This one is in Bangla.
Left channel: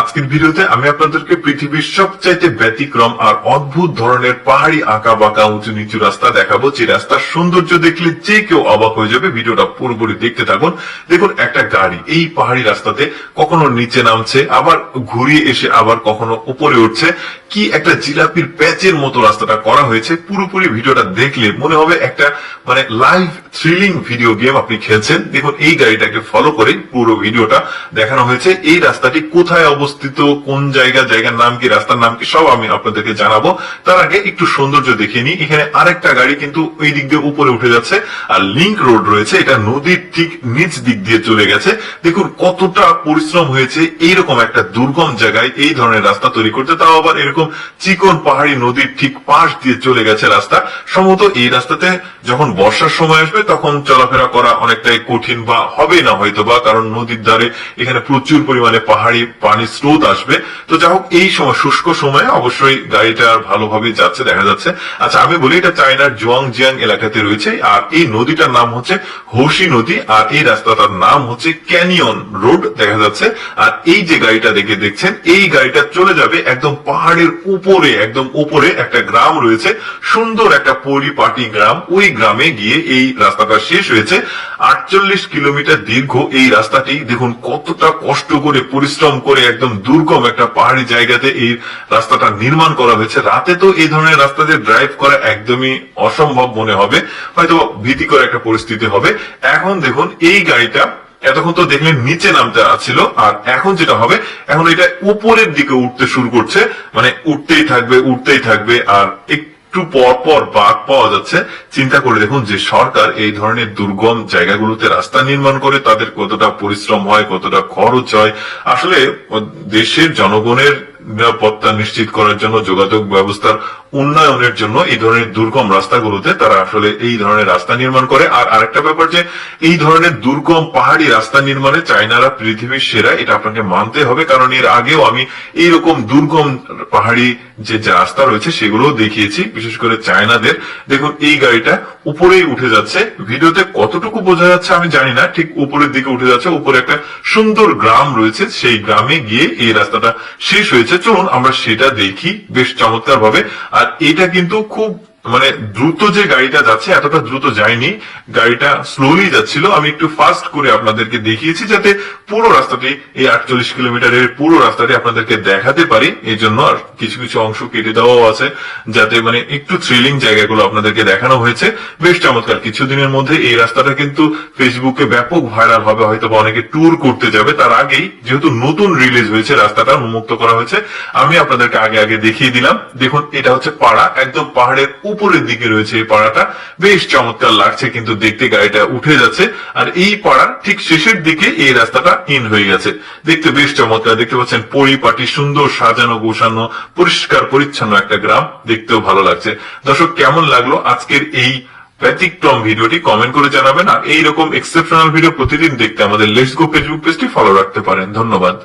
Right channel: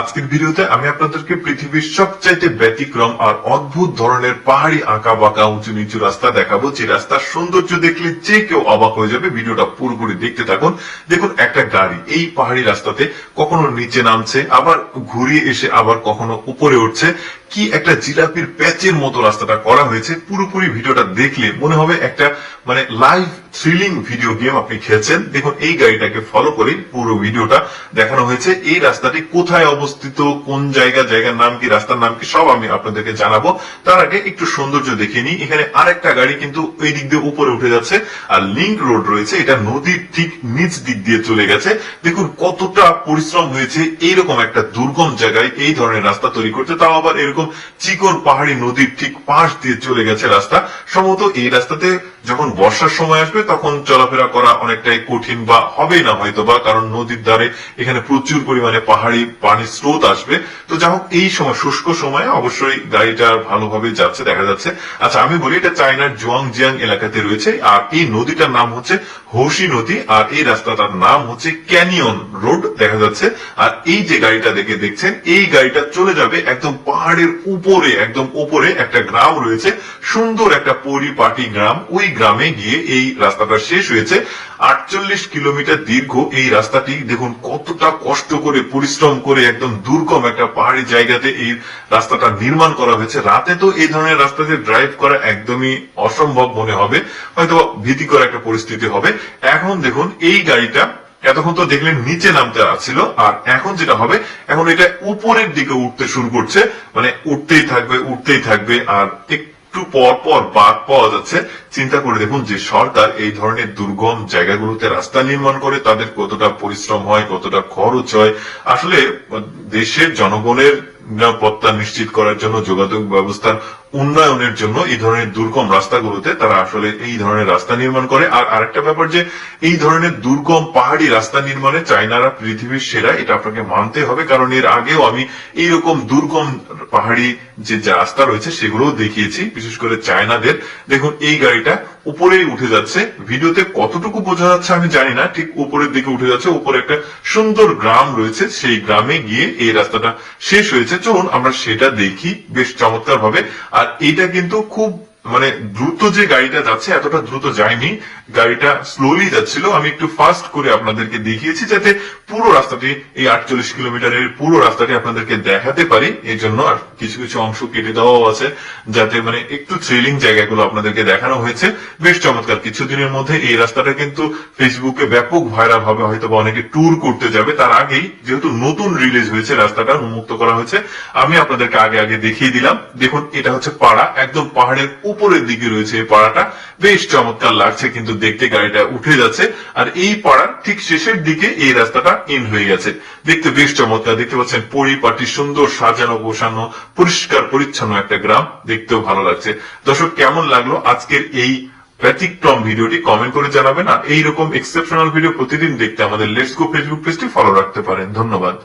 আজকের ভিডিওতে আমি আপনাদেরকে পৃথিবীর সবচাইতে ব্যতিক্রম আর অদ্ভুত ধরনের পাহাড়ি আঁকা বাঁকা উঁচু নিচু রাস্তা দেখাবো, যে রাস্তার সৌন্দর্য দেখলে যে কেউ অবাক হয়ে যাবে। ভিডিওটা পুরোপুরি দেখতে থাকুন। দেখুন, একটা গাড়ি এই পাহাড়ি রাস্তাতে কখনো নিচে নামছে, আবার ঘুরিয়ে এসে আবার কখনো উপরে উঠছে। কি একটা জিলাপির প্যাচের মতো রাস্তাটা করা হয়েছে। পুরোপুরি ভিডিওটা দেখলে মনে হবে একটা লাইভ থ্রিলিং ভিডিও গেম আপনি খেলছেন। দেখুন, এই গাড়িটাকে ফলো করে পুরো ভিডিওটা দেখানো হয়েছে। এই রাস্তাটি কোথায় অবস্থিত, কোন জায়গার নাম কি, রাস্তার নাম কি, সব আমি আপনাদেরকে জানাবো। তার আগে একটু সৌন্দর্য দেখিয়ে নিই। এখানে আরেকটা গাড়ি কিন্তু ওই দিক দিয়ে উপরে উঠে যাচ্ছে, আর লিংক রোড রয়েছে, এটা নদীর ঠিক নিচ দিক দিয়ে চলে গেছে। দেখুন কতটা পরিশ্রম হয়েছে এইরকম একটা দুর্গম জায়গায় এই ধরনের রাস্তা তৈরি করতে, তাও আবার এরকম চিকন পাহাড়ি নদীর ঠিক পাশ দিয়ে চলে গেছে রাস্তা। সম্ভবত এই রাস্তাতে যখন বর্ষার সময় আসবে তখন চলাফেরা করা অনেকটাই কঠিন বা হবে না হয়তো বা, কারণ নদীর ধারে এখানে প্রচুর পরিমাণে পাহাড়ি পানির স্রোত আসবে। তো যাই হোক, এই সময় শুষ্ক সময়ে অবশ্যই গাড়িটা ভালোভাবে যাচ্ছে দেখা যাচ্ছে। আচ্ছা, আমি বলি এটা চায়নার জুয়াংজিয়াং এলাকাতে রয়েছে, আর এই নদীটার নাম হচ্ছে হৌসি নদী, আর এই রাস্তাটার নাম হচ্ছে ক্যানিয়ন রোড দেখা যাচ্ছে। আর এই যে গাড়িটা দেখছেন, এই গাড়িটা চলে যাবে একদম পাহাড়ের উপরে, একদম উপরে একটা গ্রাম রয়েছে, সুন্দর একটা পরিপাটি গ্রাম। ওই গ্রামে গিয়ে এই রাস্তাটা শেষ হয়েছে। 48 কিলোমিটার দীর্ঘ এই রাস্তাটি। দেখুন কতটা কষ্ট করে পরিশ্রম করে একদম দুর্গম একটা পাহাড়ি জায়গাতে এই রাস্তাটা নির্মাণ করা হয়েছে। রাতে তো এই ধরনের রাস্তাতে ড্রাইভ করা একদমই অসম্ভব মনে হবে, হয়তো ভীতিকর একটা পরিস্থিতি হবে। এখন দেখুন এই গাড়িটা এতক্ষণ তো দেখলেন নিচে নামতে ছিল, আর এখন যেটা হবে, এখন এটা উপরের দিকে উঠতে শুরু করছে, উঠতেই থাকবে। আর একটু পর পর বাঁক পাওয়া যাচ্ছে। চিন্তা করে দেখুন যে সরকার এই ধরনের দুর্গম জায়গাগুলোতে রাস্তা নির্মাণ করে তাদের কতটা পরিশ্রম হয়, কতটা খরচ হয়। আসলে দেশের জনগণের নিরাপত্তা নিশ্চিত করার জন্য, যোগাযোগ ব্যবস্থার উন্নয়নের জন্য এই ধরনের দুর্গম রাস্তাগুলোতে তারা আসলে এই ধরনের রাস্তা নির্মাণ করে। আর আরেকটা ব্যাপার যে এই ধরনের দুর্গম পাহাড়ি রাস্তা নির্মাণে চায়নারা পৃথিবীর সেরা, এটা আপনাকে মানতে হবে। কারণ এর আগেও আমি এইরকম দুর্গম পাহাড়ি যে রাস্তা রয়েছে সেগুলো দেখিয়েছি, বিশেষ করে চায়নাদের। দেখুন এই গাড়িটা উপরেই উঠে যাচ্ছে। ভিডিওতে কতটুকু বোঝা যাচ্ছে আমি জানি না, ঠিক উপরের দিকে উঠে যাচ্ছে। উপরে একটা সুন্দর গ্রাম রয়েছে, সেই গ্রামে গিয়ে এই রাস্তাটা শেষ হয়েছে। চলুন আমরা সেটা দেখি বেশ চমৎকার ভাবে। আর এটা কিন্তু খুব দ্রুত যে গাড়িটা যাচ্ছে, এতটা দ্রুত যায়নি, গাড়িটা স্লোলি যাচ্ছিল। আমি একটু ফাস্ট করে আপনাদেরকে দেখিয়েছি যাতে পুরো রাস্তাটি, এই 48 কিলোমিটারের পুরো রাস্তাটি আপনাদেরকে দেখাতে পারি। এই জন্য আর কিছু কিছু অংশ কেটে দেওয়াও আছে, যাতে একটু থ্রিলিং জায়গাগুলো আপনাদেরকে দেখানো হয়েছে। বেশ চমৎকার। কিছুদিনের মধ্যে এই রাস্তাটা কিন্তু ফেসবুকে ব্যাপক ভাইরাল হবে, হয়তো বা অনেকে ট্যুর করতে যাবে। তার আগেই যেহেতু নতুন রিলিজ হয়েছে, রাস্তাটা উন্মুক্ত করা হয়েছে, আমি আপনাদেরকে আগে দেখিয়ে দিলাম। দেখুন এটা হচ্ছে পাড়া, একদম পাহাড়ের উপরের দিকে রয়েছে এই পাড়াটা। বেশ চমৎকার লাগছে কিন্তু দেখতে, গাড়িটা উঠে যাচ্ছে। আর এই পাড়ার ঠিক শেষের দিকে এই রাস্তাটা ইন হয়ে গেছে। দেখতে বেশ চমৎকার। দেখতে পাচ্ছেন পরিপাটি, সুন্দর সাজানো গোছানো, পরিষ্কার পরিচ্ছন্ন একটা গ্রাম, দেখতেও ভালো লাগছে। দর্শক, কেমন লাগলো আজকের এই ব্যতিক্রম ভিডিওটি কমেন্ট করে জানাবেন। আর এইরকম এক্সেপশনাল ভিডিও প্রতিদিন দেখতে আমাদের লেটস গো ফেসবুক পেজটি ফলো রাখতে পারেন। ধন্যবাদ।